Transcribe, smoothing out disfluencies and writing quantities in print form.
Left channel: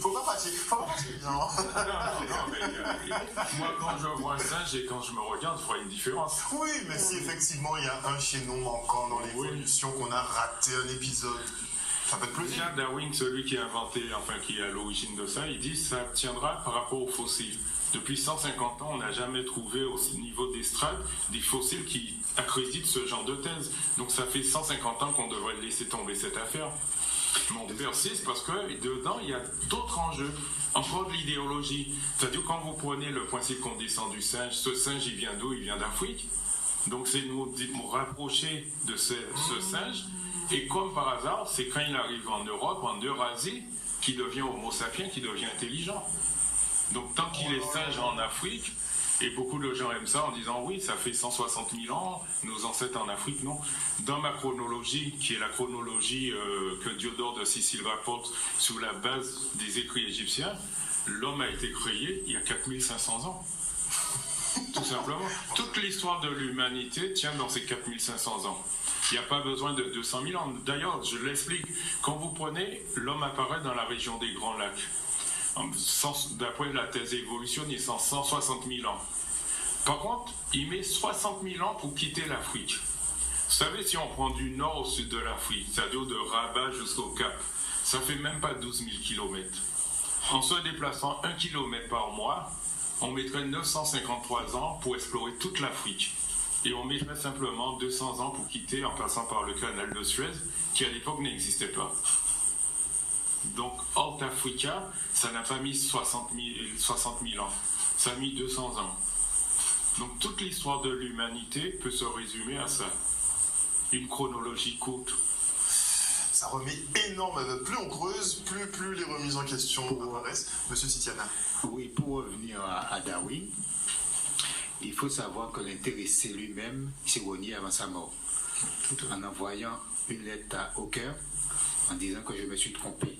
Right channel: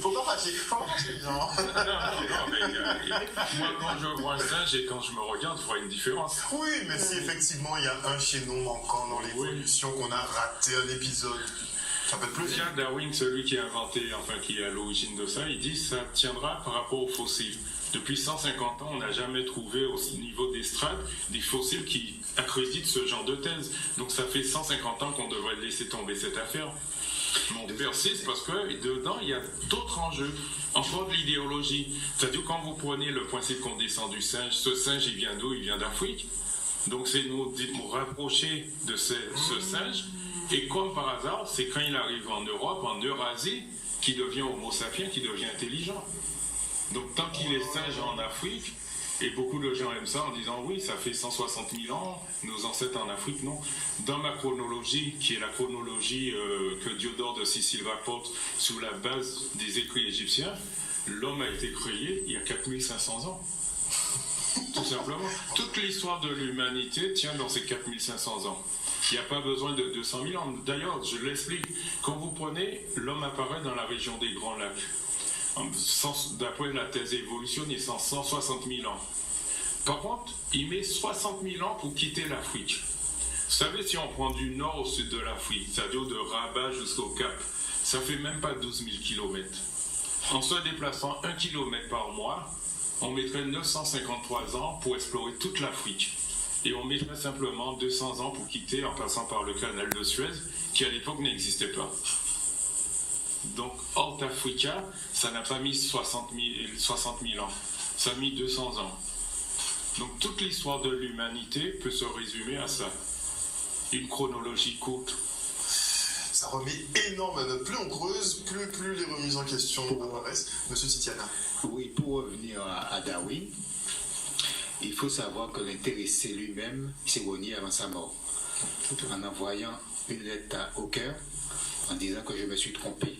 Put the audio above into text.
Faut pas fâcher les gens. Non, mais moi, quand je vois un singe et quand je me regarde, je vois une différence. Oui, mais si effectivement il y a un chaînon manquant dans l'évolution, qu'on a raté un épisode, ça peut être plus. Déjà, Darwin, celui qui a inventé, enfin qui est à l'origine de ça, il dit que ça tiendra par rapport aux fossiles. Depuis 150 ans, on n'a jamais trouvé au niveau des strates des fossiles qui accréditent ce genre de thèse. Donc ça fait 150 ans qu'on devrait laisser tomber cette affaire. Mais on persiste parce que dedans, il y a d'autres enjeux. Encore de l'idéologie. C'est-à-dire quand vous prenez le principe qu'on descend du singe, ce singe, il vient d'où? Il vient d'Afrique. Donc c'est nous rapprocher de ce singe. Et comme par hasard, c'est quand il arrive en Europe, en Eurasie, qu'il devient homo sapiens, qu'il devient intelligent. Donc tant qu'il est singe en Afrique, et beaucoup de gens aiment ça en disant oui, ça fait 160 000 ans, nos ancêtres en Afrique, non. Dans ma chronologie, qui est la chronologie que Diodore de Sicile rapporte sous la base des écrits égyptiens, l'homme a été créé il y a 4500 ans. Tout simplement. Toute l'histoire de l'humanité tient dans ces 4500 ans. Il n'y a pas besoin de 200 000 ans. D'ailleurs, je l'explique, quand vous prenez, l'homme apparaît dans la région des Grands Lacs. D'après la thèse évolutionniste, en 160 000 ans. Par contre, il met 60 000 ans pour quitter l'Afrique. Vous savez, si on prend du nord au sud de l'Afrique, c'est-à-dire de Rabat jusqu'au Cap, ça fait même pas 12 000 km. En se déplaçant 1 km par mois, on mettrait 953 ans pour explorer toute l'Afrique. Et on mettrait simplement 200 ans pour quitter en passant par le canal de Suez, qui à l'époque n'existait pas. Donc, Horta Africa, ça n'a pas mis 60 000 ans, ça a mis 200 ans. Donc, toute l'histoire de l'humanité peut se résumer à ça. Une chronologie courte. Ça remet énormément. Plus on creuse, plus les remises en question apparaissent. Monsieur Titiana. Oui, pour revenir à Darwin, il faut savoir que l'intéressé lui-même s'est renié avant sa mort, en envoyant une lettre à Hawker en disant que je me suis trompé.